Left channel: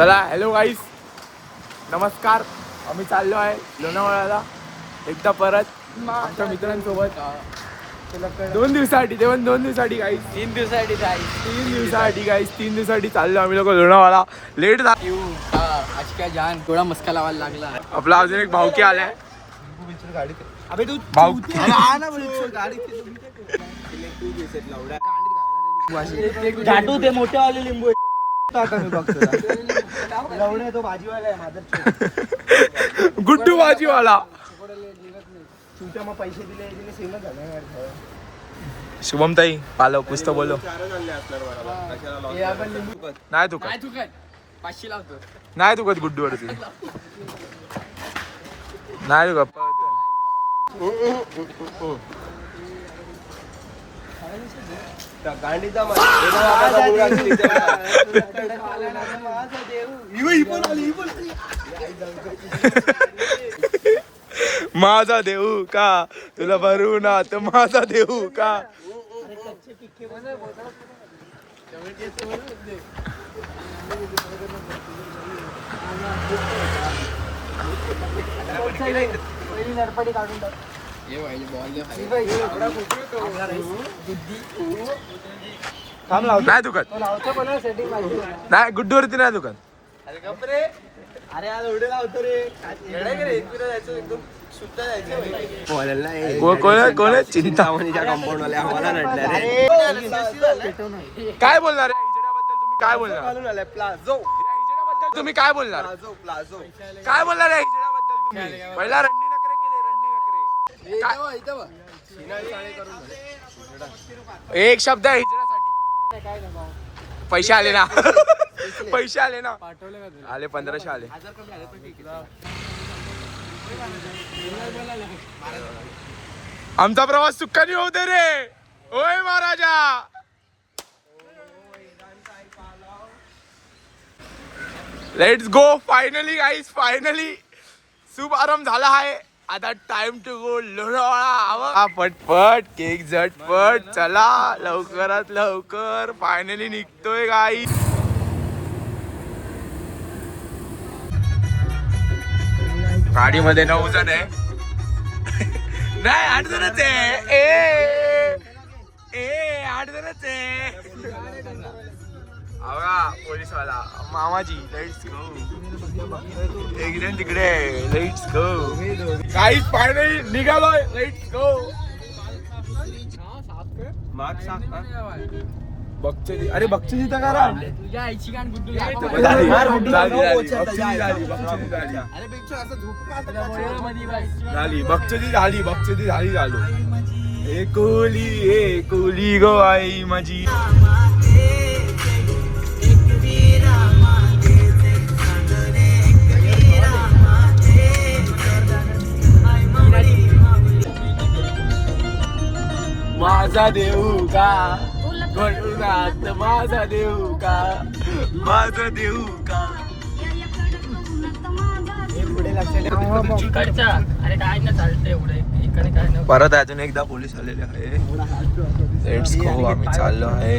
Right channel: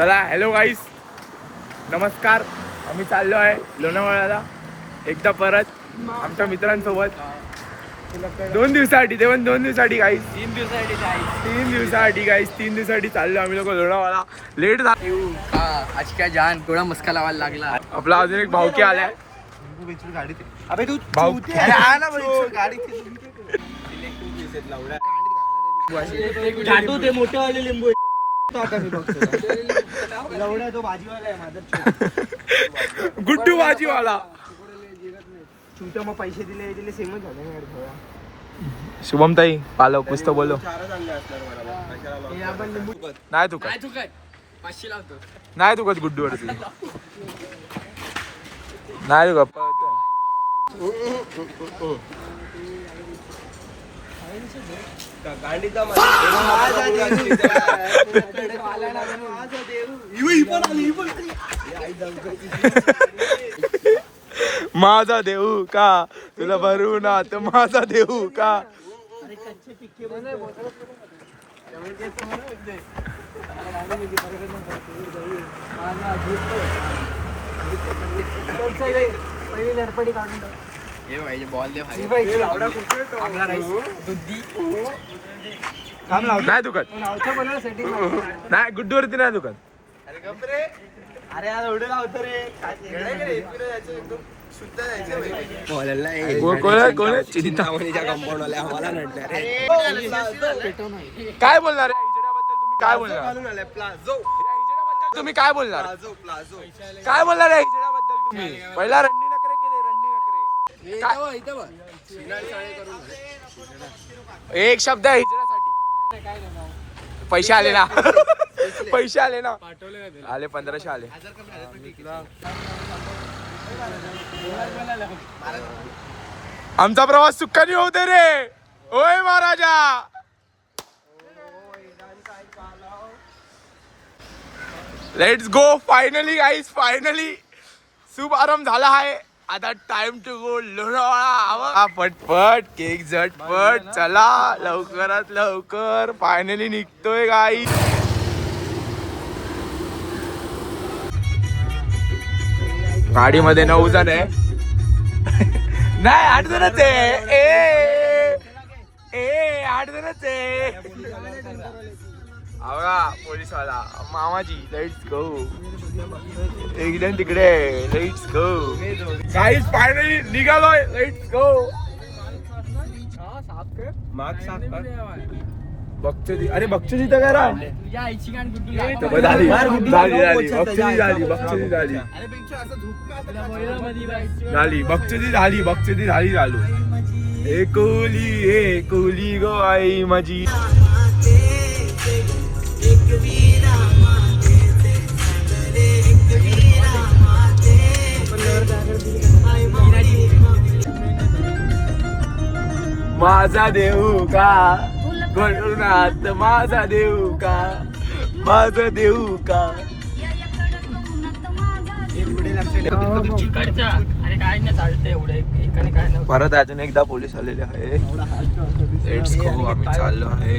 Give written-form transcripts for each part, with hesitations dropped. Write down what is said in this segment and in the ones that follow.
चला हॅलो गाईस, नमस्कार. आम्ही चाललो आहे लोणावळ्याला एकदा परत आमच्या मित्रांसोबत 2 दिवसासाठी. ते पण 2 दिवसासाठी गाईस, 3 दिवसासाठी गाईस 3 दिवसासाठी चाललो आम्ही लोक लोणावळा. लेट झाला आज काय जान थोडा मस्का लावायला लागला. आपला अजून एक भाऊकी आलाय. अबे तू भाऊ गाडी ते मोठेवाले लिंबू गुड्डू भाजीवाला. मग पैसे दिले सेमच झालं. शुभम ताई पालव कुछ तो बोलो. नाही तू काय 500 लावतो. नाही तू कधी गुड्डू वरती नाही गप्पा. माझा देऊ का तुला भरून आत माझा देऊ का. नाही दुकान नाही गुड्डू वरती नाही दुकान. अरे आज एवढं लावतो रे. कोण चिंता कंपाऊंड वाले आम्हाला नडलं रे. काय बोलणार तुम्ही काय बोलणार तुम्ही काय बोलणार काय बोलणार आहे हिजड्याबद्दल तुम्ही. पहिला रंडी नकरे केले रंडी नकरे एक शब्द आहे हिजड्यासाठी. पैसे आले ना पैसे आले ना आले 1500 आले. आमचा प्रवास सुखाने होऊ दे रे. ओय महाराजा. Let's go. Finally guys finally शुभारंभ झाला आहे. आता टाइम टू गो लोणावळा. पटपट केक झटपट चला लवकरात लवकर. फायनली निघतोय गाईस. गाडीमध्ये 9 जण आहे. नाही 8 जणच आहे. 8 जणच आहे. पोलीसवाला मामाजी. Let's go. एक तिकडे. लेट्स गो गाईस फायनली निघालोय. Let's go. बक्षी. अरे बक्षी तर करा. बक्षी झाली झालो. एकोली गो आई माझी. माझा देऊ का भरून आत माझा देऊ का माझा देऊ का. परत अजून एकदा पोलीस आलेले आहे. Let's go. आम्ही चाललो आहे.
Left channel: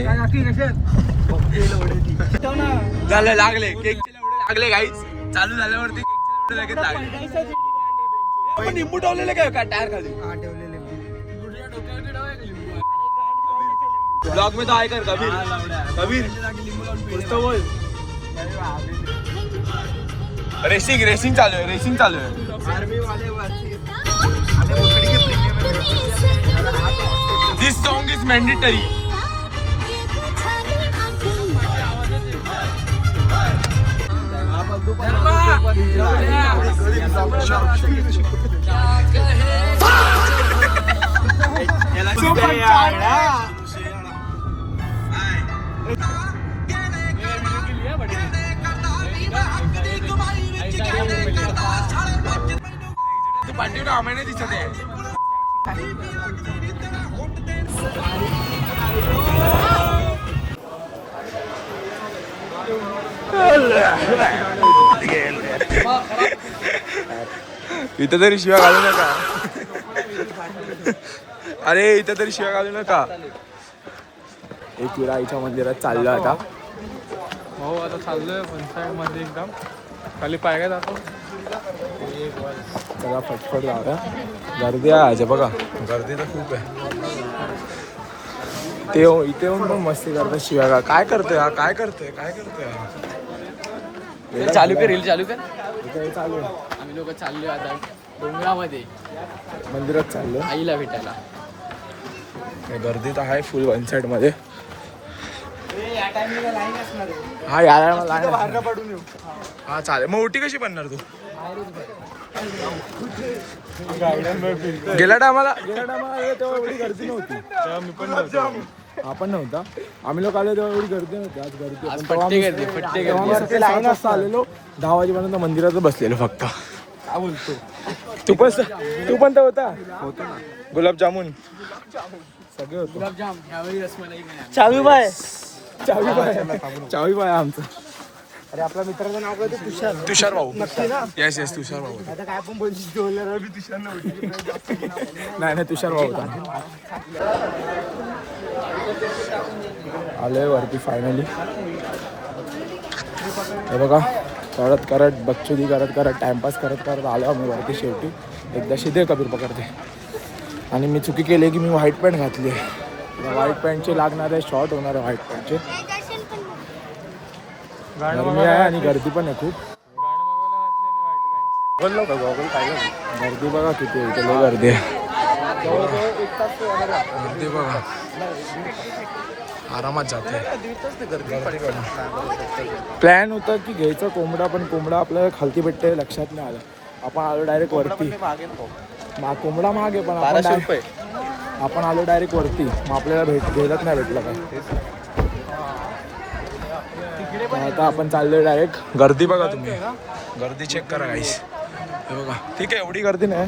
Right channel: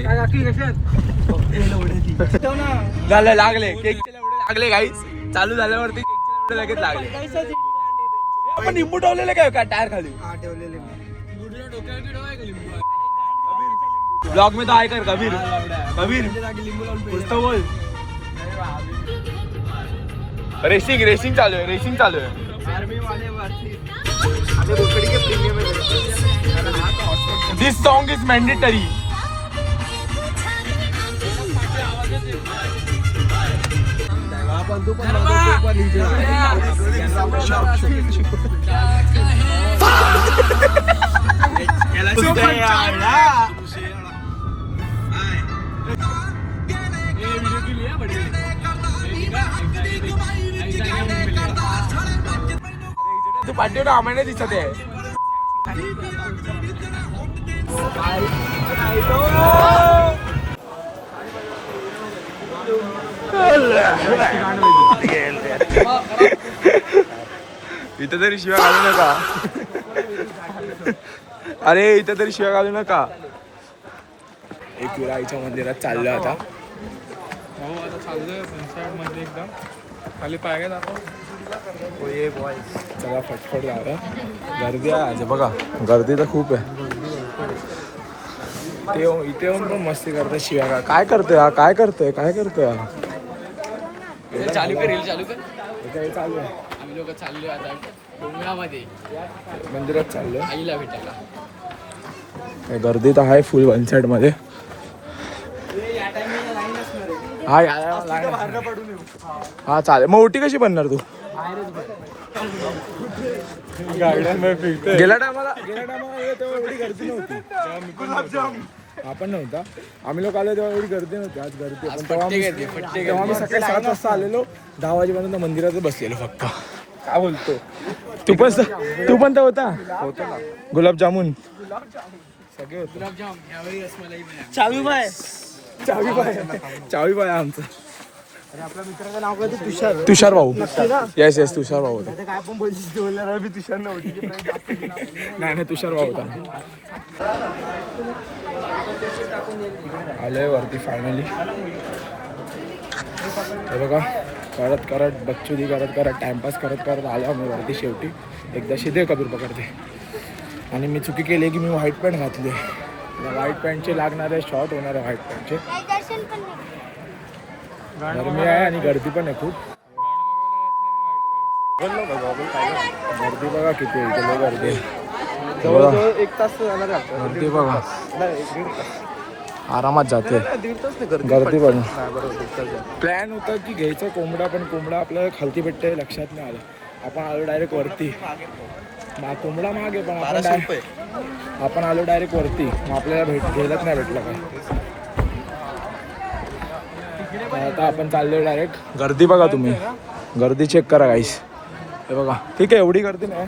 झालं लागले लागले गाईस. चालू झाल्यावरती लगेच लागले. लिंबू ठेवलेले काय टायर खाली ब्लॉग में तो आय कर रेसिंग चालू आहे. दिस सॉन्ग इज मॅन्डेटरी. पाठी आम्हाला दिसत आहे. इथं तरी शिव्या घालू नका. अरे इथं तरी शिव्या घालू नका. एकविरा आईच्या मंदिरात चाललो आता. हो आता चाललोय पंचायत मध्ये एकदम खाली पाय काय जातो. चला फटफट जाऊया. गर्दी आहे आज बघा, गर्दी तर खूप आहे. ते इथे येऊन पण मस्ती करतात शिव्या का. काय करतोय हा, काय करतोय, काय करतोय हा. चालू कर रील चालू कर. काय चालू आहे. आम्ही लोक चाललोय आता डोंगरामध्ये मंदिरात चाललोय. आईला भेटायला. काय गर्दी तर आहे फुल वन साइड मध्ये. या टायमिंगला लाईन असणार आहे. हा यायला पडून येऊ. हा चालेल. मग ओटी कशी बनणार तू. गेल्या टायमाला तेव्हा एवढी गर्दी नव्हती. आपण नव्हता, आम्ही लोक आलो तेव्हा एवढी गर्दी नव्हती. आज गर्दी पण तेव्हा आम्ही सकाळी 7 वाजता आलेलो. 10 वाजेपर्यंत मंदिरात बसलेलो फक्त. काय बोलतो. तू पण तर होता ना. गुलाबजामुन सगळे होते. चावी बाय आमचं. अरे आपल्या मित्राचं नाव काय तुषार. तुषार भाऊ. नक्की ना. येस तुषार भाऊ होता. आता काय पण बोलला तुषार नव्हती. नाही तुषार भाऊ होता. आलोय वरती फायनली. हे बघा करत बच्चुदी करत टाइमपास करत आलो आम्ही वरती. शेवटी एकदा शिदे कबीर पकडते. आणि मी चुकी केली की मी व्हाईट पॅन्ट घातली आहे. व्हाईट पॅन्टचे लागणारे शॉर्ट होणार आहे. व्हाईट पॅन्टचे गरमी आहे आणि गर्दी पण आहे खूप. गर्दी बघा किती आहे इथे. गर्दी आहे गर्दी बघा. आरामात जाते गर्दी बघा. प्लॅन होता की घ्यायचा कोंबडा, पण कोंबडा आपल्याला खालती भेटते लक्षात नाही आलं. आपण आलो डायरेक्ट वरती. कोंबडा मागे पण आपण आलो डायरेक्ट वरती. मग आपल्याला घ्यायलाच नाही भेटलं काय. आता आपण चाललोय डायरेक्ट. गर्दी बघा तुम्ही, गर्दी चेक करा गाईस. हे बघा ठीक आहे, एवढी गर्दी नाही,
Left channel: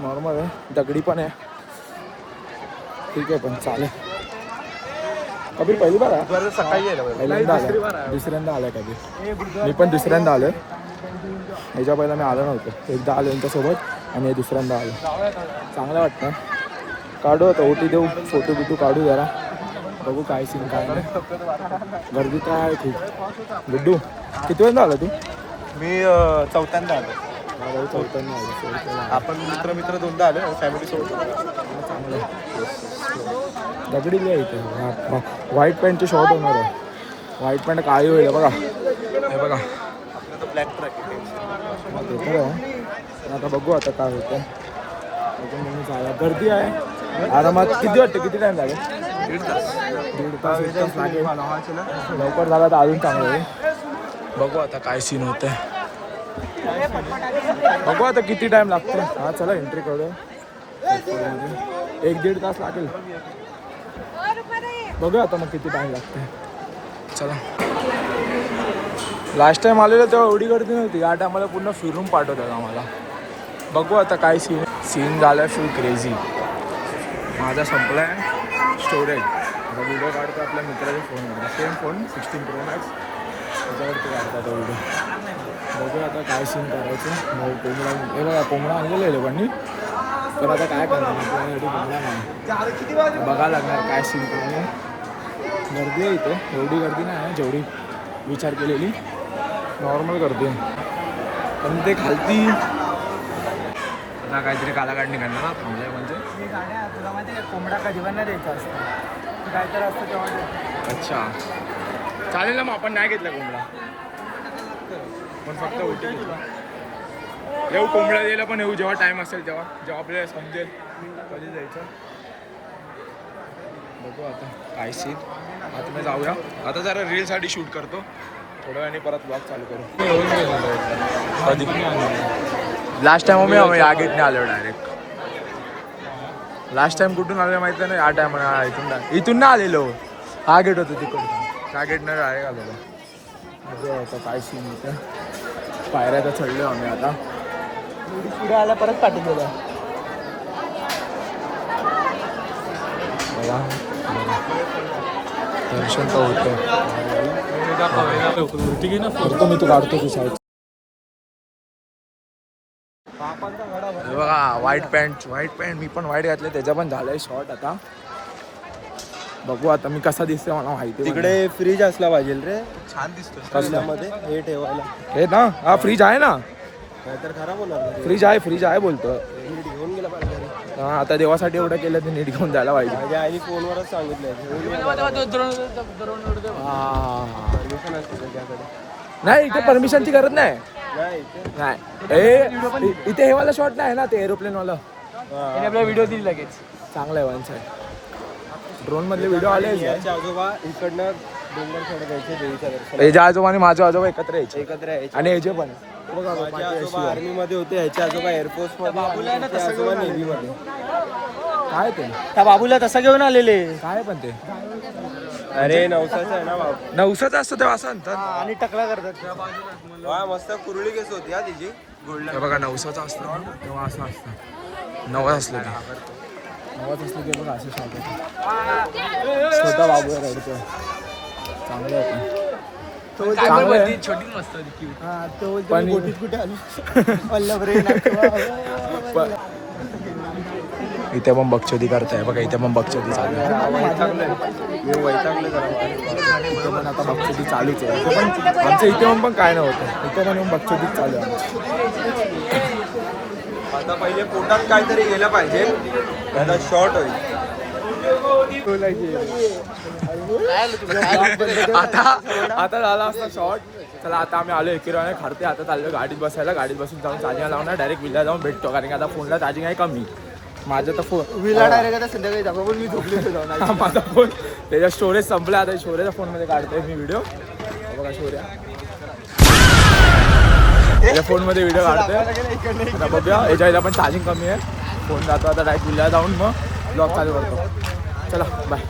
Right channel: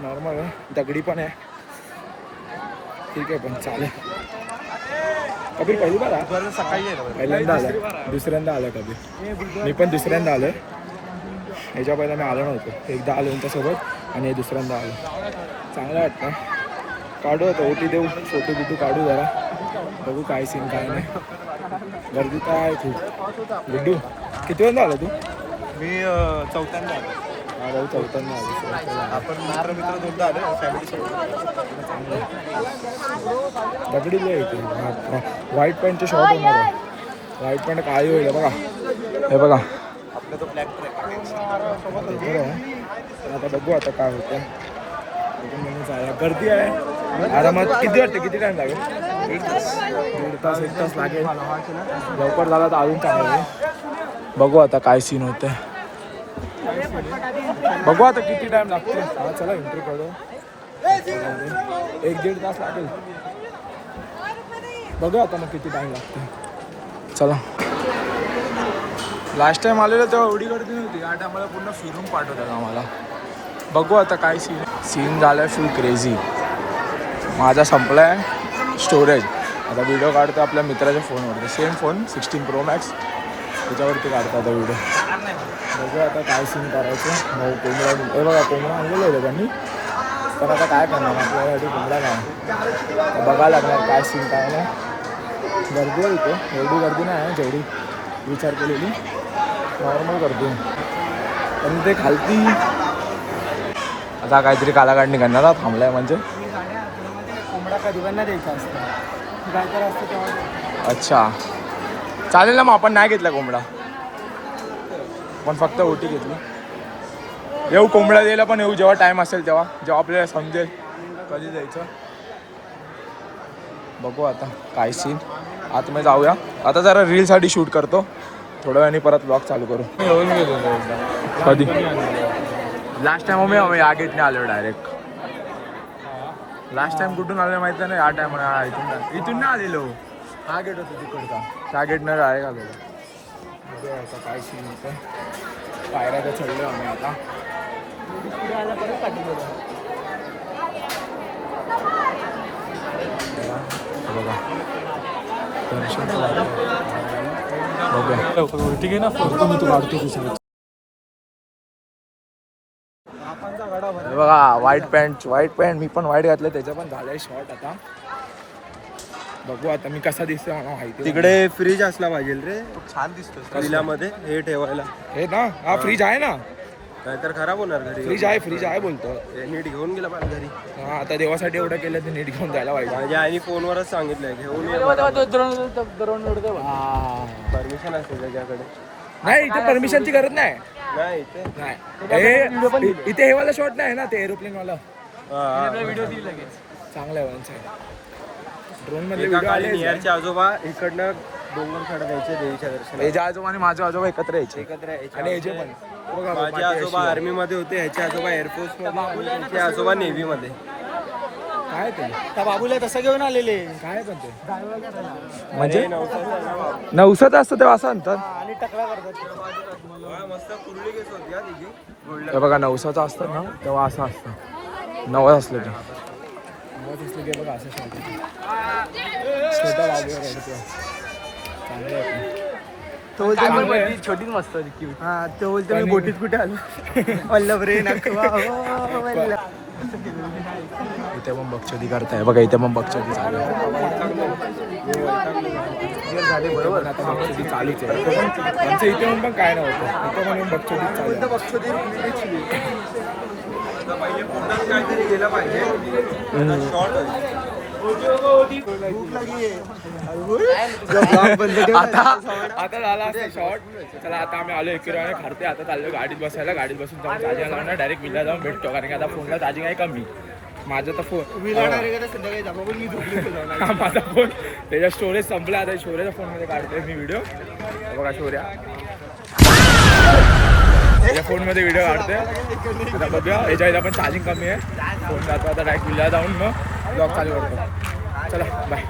नॉर्मल आहे. दगडी पण आहे ठीक आहे, पण चालेल. कबीर पहिली बार पहिल्यांदा आलं, दुसऱ्यांदा आलं कबीर. मी पण दुसऱ्यांदा आलोय. ह्याच्या पहिला मी आलो नव्हतो. एकदा आलो यांच्यासोबत आणि हे दुसऱ्यांदा आलो. चांगलं वाटतं. काढू आता ओटी देऊ, फोटो बिटू काढू जरा. बघू काय सीन काय नाही. गर्दी तर आहे खूप. गुड्डू किती वेळा आला तू. मी चौथ्यांदा आलो. हा भाऊ चौथ्यांदा आलो. आपण मित्र दोनदा आलो फॅमिली सोबत. चांगलं आहे. दगडीला आहे इथे. व्हाईट पॅन्टचे शॉर्ट होणार आहे. व्हाईट पॅन्ट काळी होईल बघा. हे बघा आपला तो ब्लॅक ट्रॅक ते तर आहे. आता बघू आता काय होतं. म्हणून चालेल. गर्दी आहे आरामात. किती वाटते, किती टाईम लागेल. 1.5 तास 1 तास लागेल. लवकर झाला तर अजून चांगलं आहे. बघू आता काय सीन होतं. बघू आता किती टाइम लागतो. हा चला एंट्री करू. 1-1.5 तास लागेल. बघू आता मग किती टाइम लागते. चला. लास्ट टाइम आलेलं तेव्हा एवढी गर्दी नव्हती. या टायमाला पूर्ण फिरून पाठवतात आम्हाला. बघू आता काय सीन झालं. फुल क्रेझी. माझा संपला आहे स्टोरेज. आता व्हिडिओ काढतो आपल्या मित्राच्या फोनवरती. सेम फोन 16 Pro Max त्याच्यावरती काढतो आता व्हिडिओ. बघूया आता काय सीन करायचं. भाऊ कोंबडा, हे बघा कोंबडा आणलेलं आहे लोकांनी. पण आता काय करणार, आपल्यासाठी कोंबडा नाही. बघायला लागणार काय सीन काय नाही. गर्दी आहे इथे. एवढी गर्दी नाही आहे जेवढी विचार केलेली. नॉर्मल गर्दी आहे. पण ते खालती आता काहीतरी कालाकांडी करणार ना. थांबलाय म्हणजे कोंबडा कधी पण नाही द्यायचा असतं. काय तर असतं तेव्हा. अच्छा चालेल ना. मग आपण नाही घेतला कोंबडा, पण फक्त ओटी घेतला. येऊ कोंबडा द्यायला पण येऊ जेव्हा टाईम असेल तेव्हा, जेव्हा आपल्याला समजेल कधी जायचं. बघू आता काय सीन. आतमध्ये जाऊया. आता जरा रीलसाठी शूट करतो. थोड्या वेळाने परत ब्लॉग चालू करू. कधी लास्ट टाइम मी या गेटने आलो डायरेक्ट. लास्ट टाइम कुठून आलो माहिती नाही. या टायमाला इथून ना आलेलो. हा गेट होतो तिकडचा. त्या गेटनं डायरेक्ट आलेलो. बघूया आता काय सीन होतं. पायऱ्या तर चढलो आम्ही आता. पुढे आला परत पाठवून दिला. बघा दर्शन तर होतं. ठीक आहे ना. फोटो मी तू काढतो की साईड. बघा व्हाईट पॅन्ट मी पण व्हाईट घातले. त्याच्या पण झालंय शॉर्ट. आता बघू आता मी कसा दिसतोय मला माहिती तिकडे फ्रीज असला पाहिजे रे छान दिसतोय फ्रीजमध्ये हे ठेवायला हे ना हा फ्रीज आहे ना नाहीतर खराब होणार घरी फ्रीज आहे बोलतो हे नीट घेऊन गेलं पाहिजे घरी हा आता देवासाठी एवढं केलं ते नीट घेऊन जायला पाहिजे म्हणजे आईने फोनवरच सांगितलंय घेऊन ये बरोबर हा. परमिशन आहे त्याच्याकडे नाही इथे परमिशनची गरज नाही नाही इथे नाही इथे हे वाला शॉट नाही ना ते एरोप्लेन वाला व्हिडिओ दिली लगेच चांगला आहे वांचा ड्रोन मधले व्हिडिओ आले नियरचे आजोबा इकडनं डोंगर चढ द्यायचे देवीच्या दर्शन याच्या आजोबा आणि माझे आजोबा एकत्र यायचे एकत्र यायचे आणि याचे पण बघा पाठी अशी आहे. आर्मी मध्ये होते ह्याचे आजोबा एअरफोर्स मध्ये आणि ह्याचे आजोबा नेव्ही मध्ये काय ते त्या बाबूला तसा घेऊन आलेले काय पण ते अरे नवसाचं आहे ना बाबा नवसाचं असतं तेव्हा असं म्हणतात आणि टकला करतात त्या बाजूला हा मस्त कुरळी केस होती हा तिची गोल्डन हे बघा नवसाचं असतं ना तेव्हा असं असतं नवस असलं ते नवस असलं ते बघा असं शॉट छोटा बाबू रडतो चांगलं आहे चांगलं आहे. छोटीच मस्त हा तो पण- बोटीत कुठे आलो वल्लभ रे नखवा इथे पण बकचोदी करताय बघा इथे पण बकचोदी चालू आहे बरोबर आता बकचोदी चालूच आहे इथे पण आमच्या इथे पण काय नव्हतं इथे पण बकचोदी चालू आहे आता पहिले पोटात काहीतरी गेलं पाहिजे शॉर्ट होईल आता झाला असता शॉर्ट चला आता आम्ही आलो एकिराने खरते आता चाललो गाडीत बसायला गाडीत बसून जाऊन चार्जिंग लावणार डायरेक्ट विला जाऊन भेटतो कारण की आता फोनला चार्जिंग आहे कमी माझं तर फोन विला डायरेक्ट संध्याकाळी दाखवा पण मी झोपली होती जाऊन. माझा फोन त्याच्या स्टोरेज संपला आता स्टोरेजच्या फोनमध्ये काढतोय मी व्हिडिओ बघा शौर्या त्याच्या फोनमध्ये व्हिडिओ काढतोय आता बघूया याच्या पण चार्जिंग कमी आहे फोन जातो आता डायरेक्ट विला जाऊन मग ब्लॉग चालू करतो चला बाय